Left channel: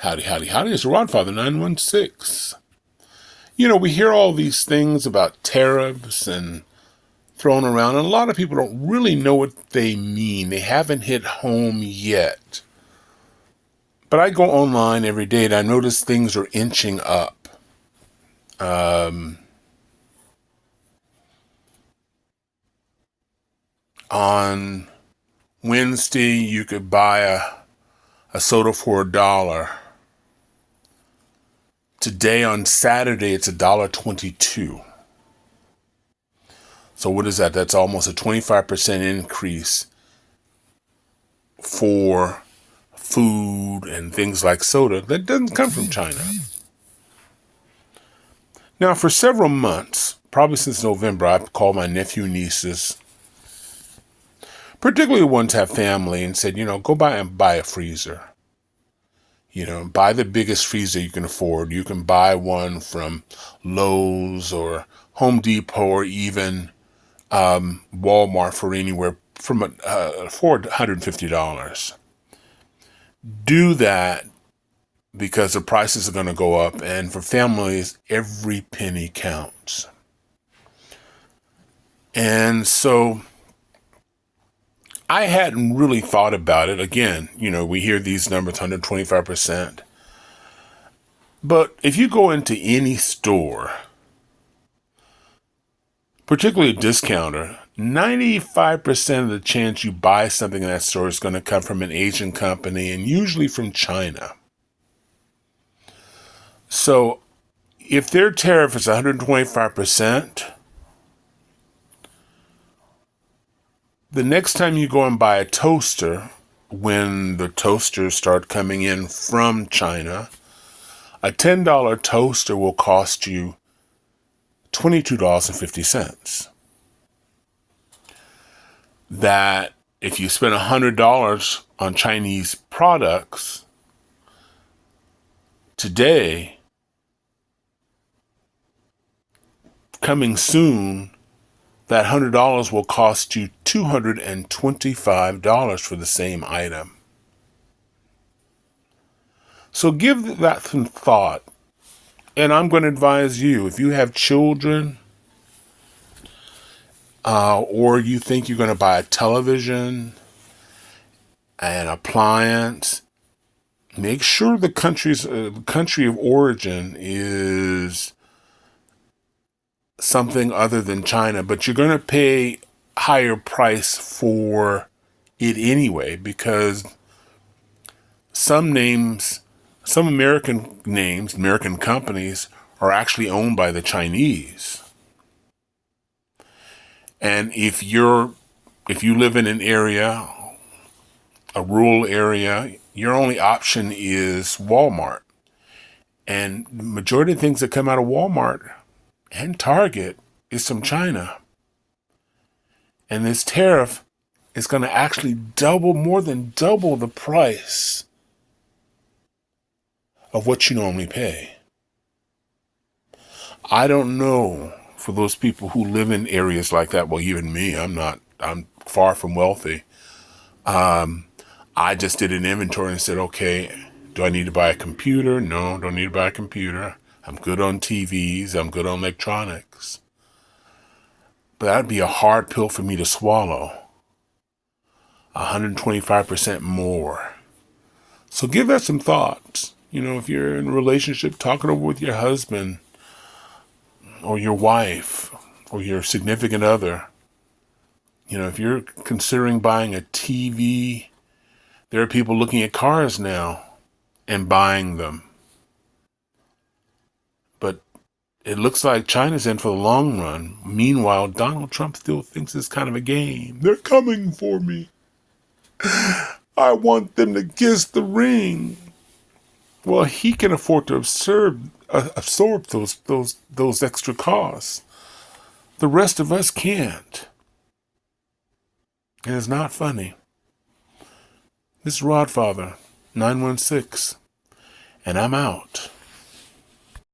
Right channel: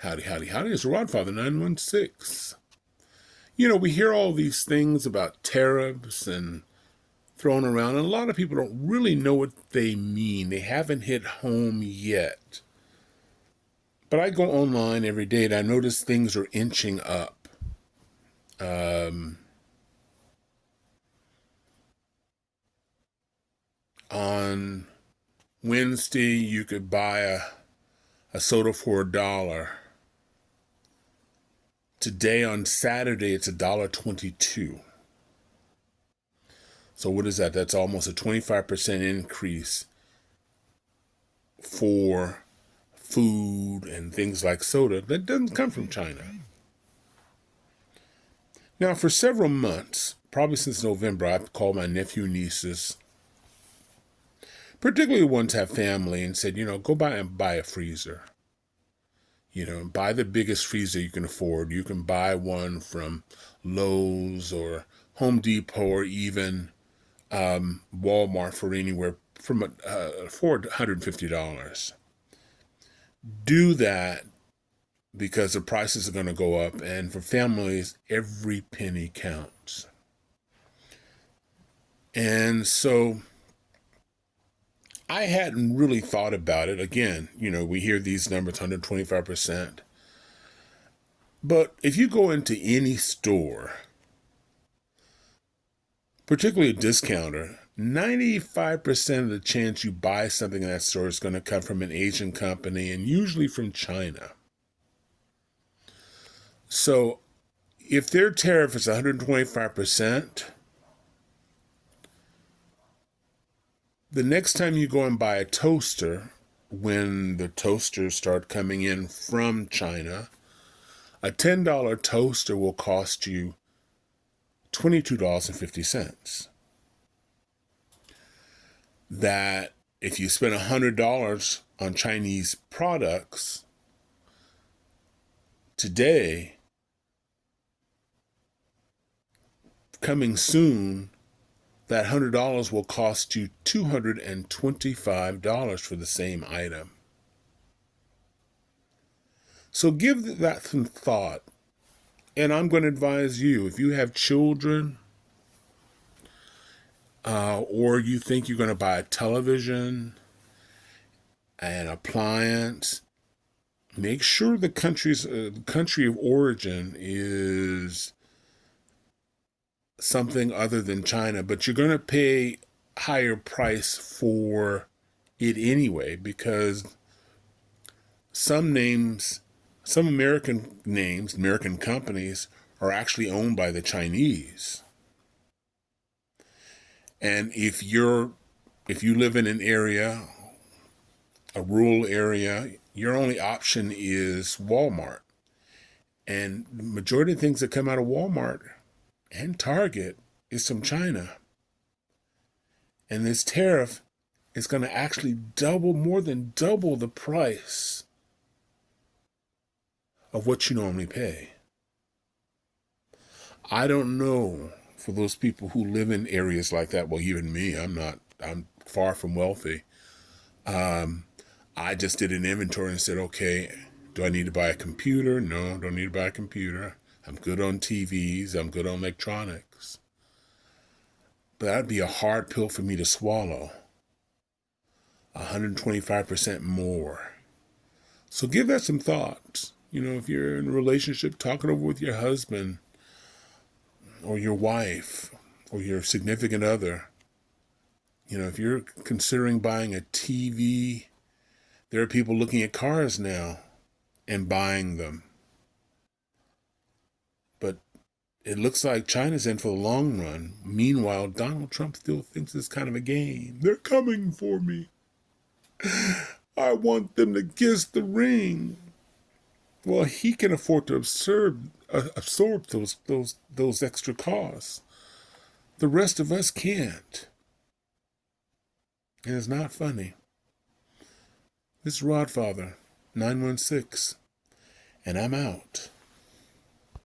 Howdy, howdy, howdy. It's Rodfather 916. You know, we hear all these things about tariffs and thrown around, and a lot of people don't really know what they mean. They haven't hit home yet. But I go online every day and I notice things are inching up. On Wednesday, you could buy a soda for $1. Today on Saturday, it's $1.22. So what is that? That's almost a 25% increase for food and things like soda that doesn't come from China. Now, for several months, probably since November, I've called my nephew and nieces, particularly ones who have family, and said, go buy a freezer. Buy the biggest freezer you can afford. You can buy one from Lowe's or Home Depot or even Walmart for anywhere from $450. Do that because the prices are going to go up, and for families, every penny counts. And so I hadn't really thought about it. Again, we hear these numbers, 125%. But if you go into any store, particularly a discounter, 95% of the chance you buy something in that store is going to come from an Asian company and usually from China. So if their tariff is 125%, the next time you go and buy a toaster, when the toasters start coming in from China, a $10 toaster will cost you $22.50. That if you spend $100 on Chinese products today, coming soon, that $100 will cost you $225 for the same item. So give that some thought. And I'm going to advise you, if you have children, or you think you're going to buy a television, an appliance, make sure the country of origin is something other than China, but you're going to pay higher price for it anyway, because some American companies are actually owned by the Chinese. And if you live in an area, a rural area, your only option is Walmart. And the majority of things that come out of Walmart and Target is from China. And this tariff is going to actually more than double the price of what you normally pay. I don't know, for those people who live in areas like that, well, even me, I'm far from wealthy. I just did an inventory and said, okay, do I need to buy a computer? No, don't need to buy a computer. I'm good on TVs. I'm good on electronics. But that'd be a hard pill for me to swallow. 125% more. So give that some thought. If you're in a relationship, talk it over with your husband or your wife or your significant other. If you're considering buying a TV, there are people looking at cars now and buying them. But it looks like China's in for the long run. Meanwhile, Donald Trump still thinks it's kind of a game. They're coming for me. I want them to kiss the ring. Well, he can afford to absorb those extra costs. The rest of us can't. And it's not funny. This is Rodfather 916, and I'm out.